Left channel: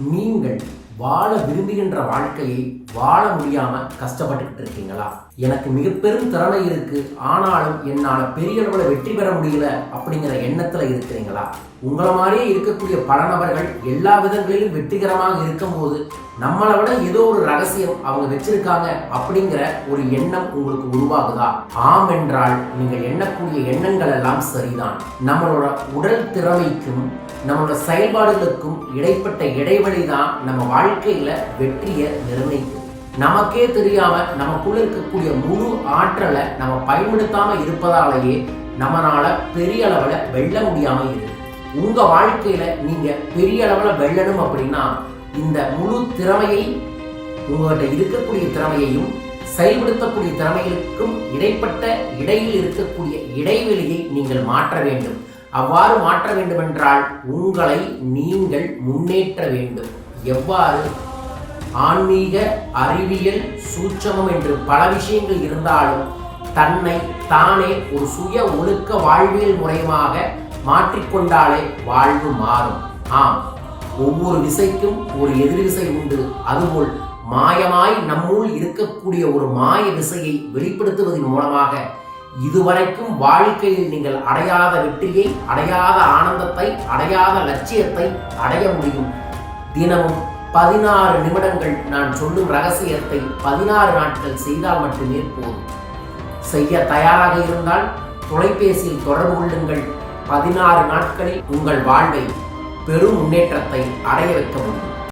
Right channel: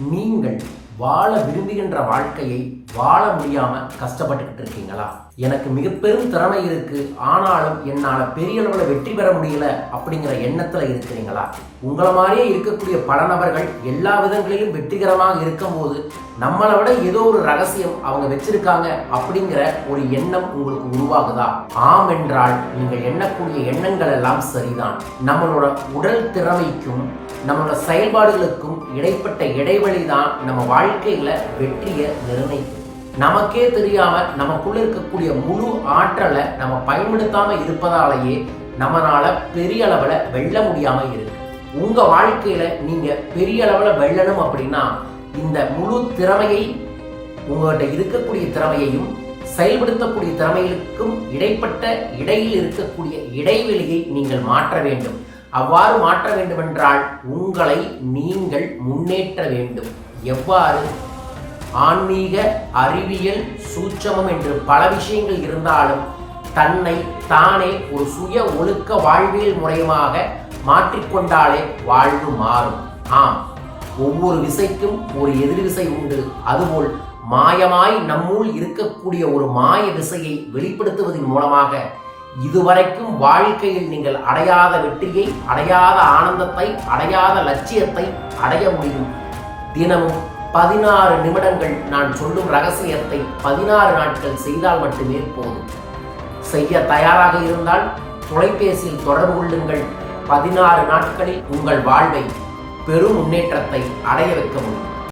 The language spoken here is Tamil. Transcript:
நீங்கள் வாழ விரும்புகின்ற வாழ்க்கையை வாழ முடியாம கஷ்டப்பட்டுக்கிட்டு இருக்கீங்களா? எனக்கு மிக பெரும் திறமை இருக்கு, ஆனாலும் என்னால் பெரிய அளவில் வெற்றி பெற முடியல அப்படிங்கிற எண்ணத்துல இருக்கிறீங்களா? உங்களை மாதிரியே இருக்கக்கூடிய பல நபர்கள் எல்லா விதங்களிலும் வெற்றிகரமாக இருக்கும்போது நம்மளை விட ஏதோ ஒரு ரகசியம் அவங்க வச்சிருக்காங்க அப்படிங்கிற ஒரு எண்ணம் உங்களுக்கு உருவாகுதா? ஆம் என்றால் நீங்கள் எண்ணக்கூடிய எண்ணங்கள் எல்லாம் சரிதான். நம்மளோட உடல் திறமைக்கும் நம்மளோட செயல்பாடுகளுக்கும் இடைப்பட்ட இடைவெளி தான் நம்ம வாழ்க்கையில வெற்றியை நிர்ணயிக்கும். நமக்கே தெரியாம நமக்குள்ள இருக்கக்கூடிய முழு ஆற்றலை நம்ம பயன்படுத்தாம இருப்பதாலேயே நம்மளால பெரிய அளவுல வெல்ல முடியாம இருக்கு. உங்க வாழ்க்கையில நீங்க பெரிய அளவுல வெல்லணும் அப்படின்னா இந்த முழு திறமையை, உங்கள்கிட்ட இருக்கக்கூடிய திறமையையும் செயல்படுத்தக்கூடிய திறமைகளுக்கும் இடைப்பட்ட இடையில் இருக்கக்கூடிய இடைவெளியை நீங்கள் மாற்ற வேண்டும். அவ்வாறு மாற்ற வேண்டுமென்றால் உங்களை நீங்கள் முன்னேற்ற வேண்டும். எவ்வாறு? ஆன்மீக, அறிவியல், சூட்சமம் என்று பல விஷயங்கள் இருந்தாலும் தன்னை தானே ஒரு சுய ஒழுக்க வாழ்வியல் முறையமாக மாற்றிக்கொண்டாலே வாழ்வு மாறும். ஆம், ஒவ்வொரு விசைக்கும் ஒரு எதிர் விசை உண்டு. அதுபோல் மாயமாய் நம்முள் இருக்கக்கூடிய ஒரு மாய விசையை வெளிப்படுத்துவதன் மூலமாக இதுவரைக்கும் வாழ்க்கையில் நீங்கள் அடையாத வெற்றியை, அடையாத ஆனந்தத்தை, அடையாத லட்சியத்தை அடைய முடியும். தினமும் 16 நிமிடங்கள் நான் சொல்லும் ரகசியத்தை 16 நாட்கள் செய்தால் மட்டுமே போதும். செய்ய தயாராக இருந்தால் தொலைபேசியில் தொடர்பு கொள்ளுங்கள். 16 நாட்களில் உங்கள் வாழ்வை பெரும் முன்னேற்றத்தை அடைய வைக்க முடியும்.